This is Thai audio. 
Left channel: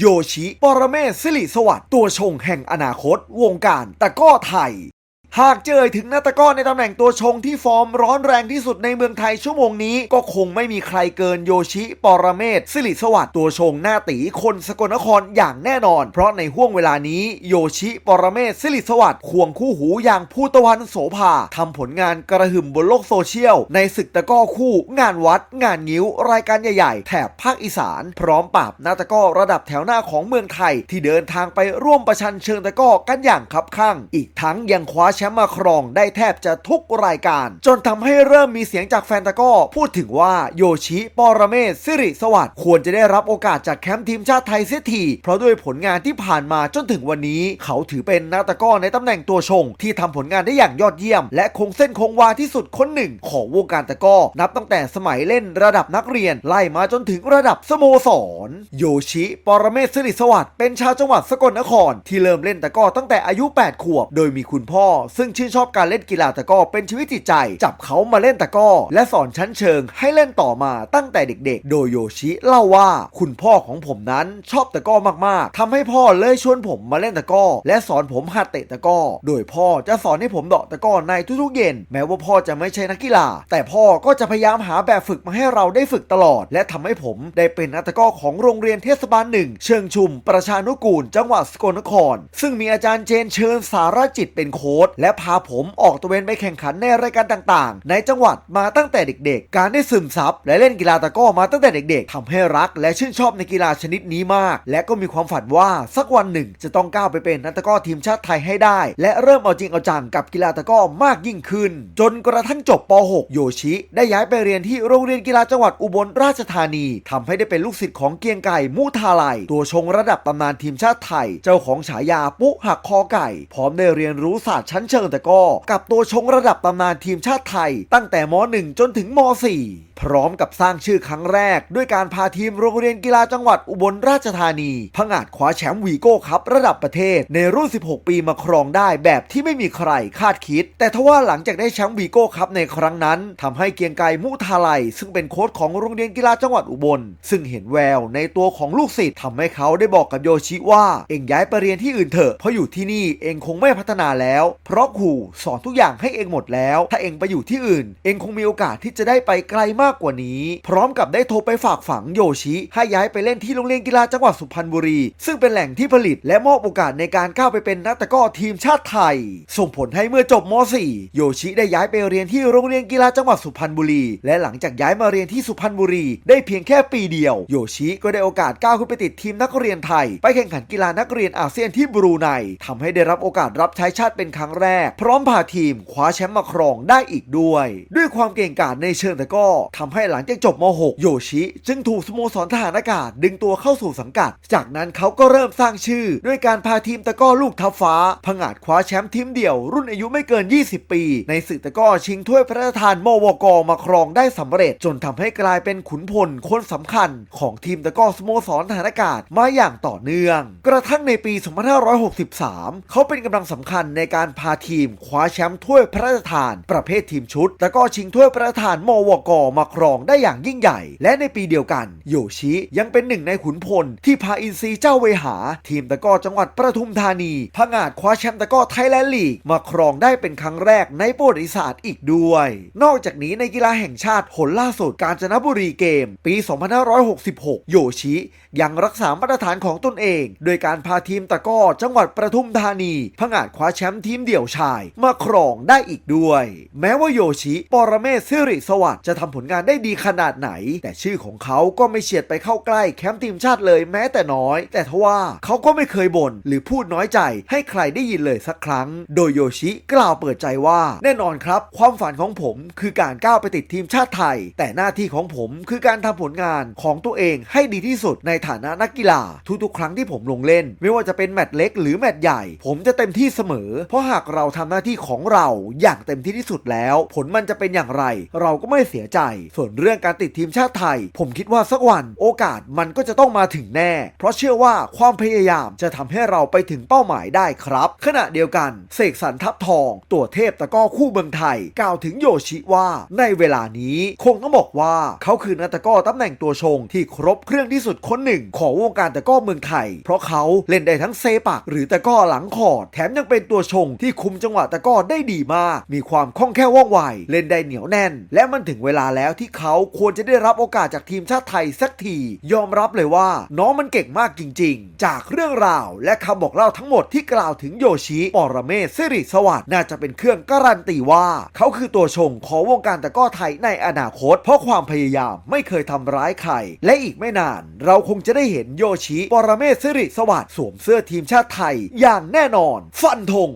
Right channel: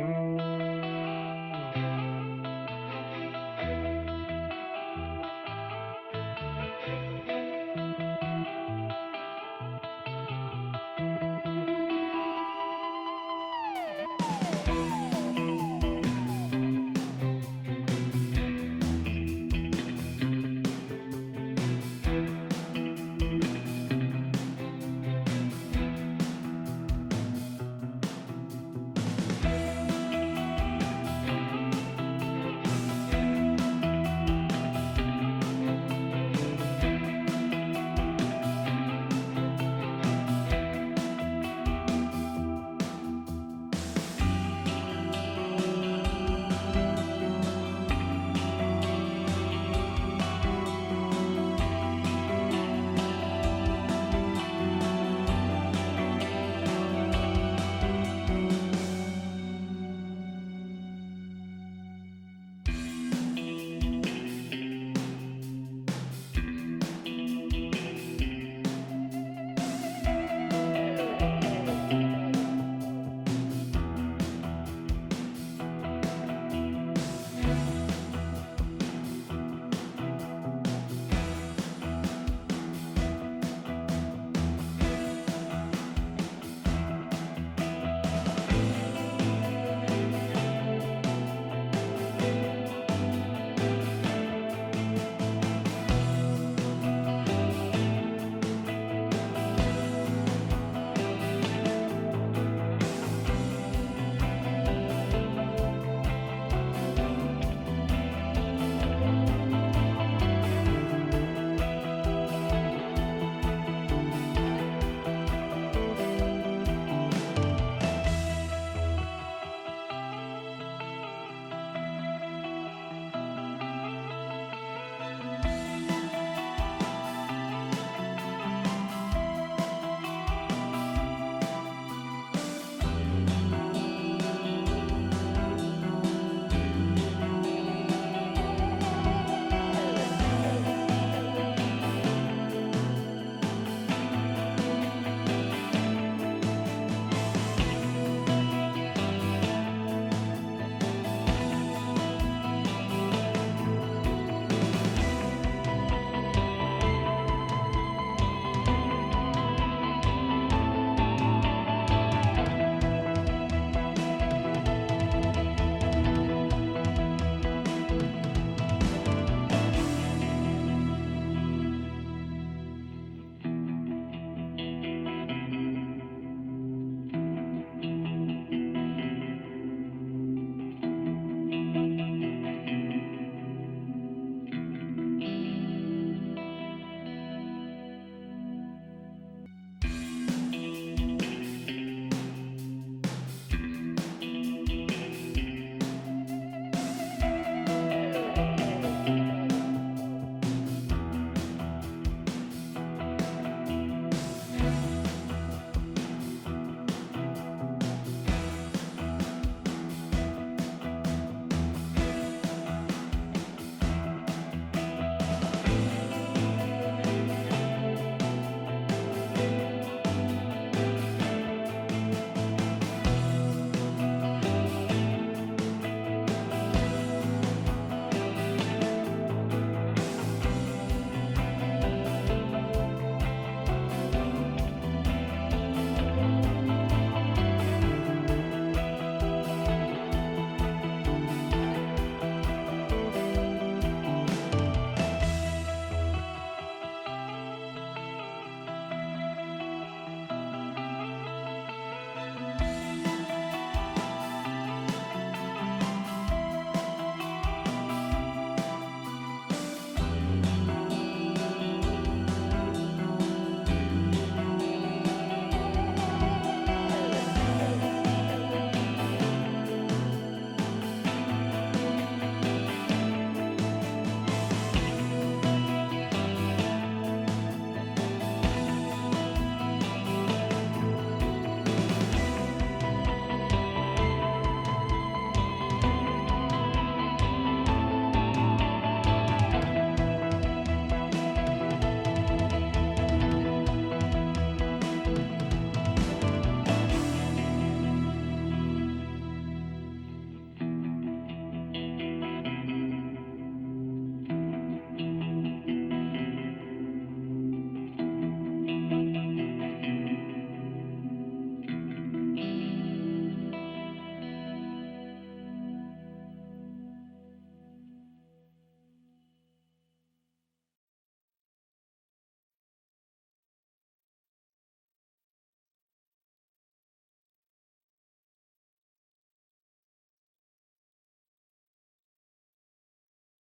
โยชิ ปรเมศสิริสวัสดิ์ตัวชงแห่งอนาคต วงการตะก้อไทย หากเจอถึงนักตะกร้อในตำแหน่งตัวชงที่ฟอร์มร้อนแรงที่สุดในเมืองไทยชั่วโมงนี้ ก็คงไม่มีใครเกินโยชิ ปรเมศสิริสวัสดิ์ตัวชงหน้าตีคนสกลนครอย่างแน่นอน เพราะในห่วงเวลานี้โยชิ ปรเมศสิริสวัสดิ์ควงคู่หูอย่างภูตะวันโสภาทำผลงานกระหึ่มบนโลกโซเชียล ในศึกตะก้อคู่ งานวัด งานงิ้ว รายการใหญ่ๆ แถบภาคอีสาน พร้อมปราบนักตะกร้อระดับแถวหน้าของเมืองไทย ที่เดินทางไปร่วมประชันเชิงตะก้อกันอย่างคับข้างอีกทั้งยังคว้าแชมป์มาครองได้แทบจะทุกรายการ จนทำให้เริ่มมีเสียงจากแฟนตะก้อ พูดถึงว่าโยชิปรเมศสิริสวัสดิ์ควรจะได้รับโอกาสจากแคมป์ทีมชาติไทยเสียที เพราะด้วยผลงานที่ผ่านมาจนถึงวันนี้ เขาถือเป็นนักตะก้อในตำแหน่งตัวชง ที่ทำผลงานได้อย่างยอดเยี่ยม และคงเส้นคงวาที่สุดคนหนึ่ง ของวงการตะก้อนับตั้งแต่สมัยเล่นระดับนักเรียนไล่มาจนถึงระดับสโมสร โยชิปรเมศสิริสวัสดิ์เป็นชาวจังหวัดสกลนคร ที่เริ่มเล่นตะก้อตั้งแต่อายุ 8 ขวบ โดยมีคุณพ่อ ซึ่งชื่นชอบการเล่นกีฬาตะก้อเป็นชีวิตจิตใจ จับเขามาเล่นตะก้อ และสอนชั้นเชิงให้เล่นต่อมาตั้งแต่เด็กๆ โดยโยชิเล่าว่าคุณพ่อของผมนั้นชอบตะก้อมากๆทำให้พ่อเลยชวนผมมาเล่นตะก้อ และสอนผมหัดเตะตะก้อ โดยพ่อจะสอนให้ผมเดาะตะก้อในทุกๆเย็น แม้ว่าพ่อจะไม่ใช่นักกีฬา แต่พ่อก็จะพยายามหาแบบฝึกมาให้เราได้ฝึกตลอด และทำให้ผมได้เป็นนักตะก้อของโรงเรียนเทศบาลหนึ่งเชิงชุม ประชานุกูล จังหวัดสกลนคร ซึ่งมีอาจารย์เจนเชิญสารจิตเป็นโค้ชและพาผมออกตะเวนไปแข่งขันในรายการต่างๆ ในจังหวัดมาตั้งแต่เด็กๆ การได้ซึมซับและเล่นกีฬาตะก้อมาตั้งแต่เด็กๆทำให้รัก และชื่นชอบในกีฬาชนิดนี้มาก และก็มีความฝันว่าสักวันหนึ่งจะต้องก้าวไปเป็นนักตะก้อทีมชาติไทยให้ได้ และเริ่มเอาจริงเอาจังกับกีฬาตะก้อมากยิ่งขึ้น จนกระทั่งจบป .6 โยชิ ได้ย้ายไปเรียนที่โรงเรียนกีฬาจังหวัดอุบลราชธานีทำให้ได้เป็นลูกศิษย์ของเกียงไก่มุทาไลยตัวชงระดับตำนานทีมชาติไทย เจ้าของฉายาปุ๊หักคอไก่ พร้อมได้เรียนรู้ศาสตร์ชั้นเชิงตะก้อกับตัวชงระดับตำนานทีมชาติไทย ตั้งแต่ม .1 จนถึงม .4 พร้อมกับสร้างชื่อครั้งแรก ด้วยการพาทีมโรงเรียนกีฬาจังหวัดอุบลราชธานีผงาดคว้าแชมป์วีโก้คัพระดับประเทศ ในรุ่น 16 ปีมาครองได้แบบที่ไม่มีใครคาดคิดแต่ทว่าหลังจากได้แชมป์วีโก้คัพในครั้งนั้นทำให้เกียงไกรมุทาไลซึ่งเป็นโค้ชของโรงเรียนกีฬาจังหวัดอุบล ซึ่งเห็นแววในตัวของลูกศิษย์ทำให้เขาได้บอกกับโยชิว่า เองย้ายไปเรียนที่อื่นเถอะเพราะอยู่ที่นี่เองคงไม่พัฒนาแล้วเพราะครูสอนทุกอย่างให้เองหมดแล้ว ถ้าเองไปอยู่ที่อื่น เองคงมีโอกาสที่จะได้ไปไกลมากกว่านี้ พร้อมกับได้โทรไปฝากฝังโยชิ ให้ย้ายไปเล่นที่โรงเรียนกีฬาจังหวัดสุพรรณบุรี ซึ่งเป็นแหล่งที่ผลิตและมอบโอกาสในการก้าวไปเป็นนักตะก้อทีมชาติไทยส่งผลให้เมื่อจบม .4 โยชิได้ย้ายไปเรียนที่โรงเรียนกีฬาจังหวัดสุพรรณบุรี และหลังจากย้ายมาเรียนที่สุพรรณบุรี ได้เพียงแค่ปีเดียว โยชิก็ได้โอกาสก้าวขึ้นไปติดทีมนักเรียนไทย ไปแข่งขันกีฬานักเรียนอาเซียนที่บรูไนทำให้ได้รับโอกาสรับใช้ชาติเป็นครั้งแรก พร้อมพาทีมคว้าแชมป์มาครองได้อีกด้วย ด้วยความเก่งกาจในเชิงตะก้อทำให้หลังจากจบม .6 โยชิ จึงถูกสโมสรทหารอากาศดึงตัวเข้าสู่สังกัด จากนั้นเขาก็เริ่มสร้างชื่อ ด้วยการพาทีมตะก้อลูกทัพฟ้าผงาดคว้าแชมป์ทีมเดี่ยวรุ่นอายุไม่เกิน20 ปี ในศึกตะก้อชิงถ้วยพระราชทานมวกมาครองได้สำเร็จ จนทำให้กลายเป็นขุนพลคนสำคัญ ของทีมตะก้อสโมสรทหารอากาศมาอย่างต่อเนื่อง กระทั่งในปี 2563 เขาเป็นกำลังสำคัญในการพาทีมคว้าแชมป์ถ้วยพระราชทาน ประเภททีมชุดตะก้อชิงถ้วยพระราชทานมวกมาครองได้อย่างยิ่งใหญ่ และในปีเดียวกัน โยชิยังเป็นหนึ่งในขุนพลที่พาอินซีเจ้าเวหา ทีมตะก้อจังหวัดประทุมธานีผงาดคว้าแชมป์ตะก้อไทยแลนด์ลีกมาครองได้เป็นครั้งแรกในประวัติศาสตร์อีกด้วย นอกจากนี้ในกีฬาแห่งชาติผลล่าสุดกาญจนบุรีเกม ปี2566โยชิ ยังรักษามาตรฐานของตนเอง โดยการพาทีมตะก้อจังหวัดประทุมธานีผงาดคว้าแชมป์ทีมเดี่ยวชาย มาครองได้อีกด้วยแม้ว่าโยชิปรเมศสิริสวัสดิ์จะทำผลงานได้ดีขนาดไหน แต่ชื่อของเขาก็ไม่เฉียดไปเข้าใกล้แคมป์ทีมชาติเลยแม้แต่น้อย แต่ทว่าเขาก็ไม่เคยบ่นหรือพูดน้อยใจ ให้ใครได้ยินเลยสักครั้ง โดยโยชิกล่าวเปิดใจว่า แน่นอนครับ ความฝันของผม คือการก้าวไปติดทีมชาติไทย แต่หน้าที่ของผมคือการทำผลงานของตัวเองให้ดีที่สุดในฐานะนักกีฬาทุกๆ ครั้งที่ผมลงเล่น ไม่ว่าจะเป็นแมตช์เล็กหรือแมตช์ใหญ่ ผมจะเต็มที่เสมอ เพราะหากเราทำหน้าที่ของเราอย่างเต็มที่ที่สุดแล้ว ผลมันจะเป็นอย่างไร เราก็ไม่เสียใจ ส่วนเรื่องการติดทีมชาติไทย ผมคิดว่าสักวันโอกาสมันก็จะต้องมาถึงแน่ เพราะเชื่อว่าความพยายามจะทำให้เราไปถึงเป้าหมายได้ครับ ขณะเดียวกันเสกสรรทัพทองตัวเทพตะก้อคู่เมืองไทยกล่าวถึงโยชิว่าในเวลานี้คงต้องบอกว่าเขาคือนักตะก้อตำแหน่งตัวชงที่ครบเครื่องที่สุดคนหนึ่งของวงการตะก้อเมืองไทย เพราะเขาเล่นได้ทั้งเซปักหรือตะก้อหลังคอร์ดแถมยังเป็นตัวชงที่คุมจังหวะตะก้อได้ดีมาก มีความคล่องแคล่วว่องไวเล่นได้เหนียวแน่น และมันถึงเวลาแล้วที่เขาควรจะได้รับโอกาสจากทีมชาติไทยสักที ยอมรับเลยว่า น้องมันเก่งมากจริง ๆจากเรื่องราวและคำบอกเล่าทั้งหมดที่กล่าวถึงโยชิปรเมศสิริสวัสด์น่าจะเป็นเครื่องการันตีว่า เขาคือตัวชงของวงการตะก้อไทยในอนาคต เพราะความพยายามไม่เคยทำร้ายใคร และอีกไม่นาน เราคงจะได้เห็นโยชิปรเมศสิริสวัสด์สวมเสื้อทีมชาติไทย อย่างแน่นอน ฟันธง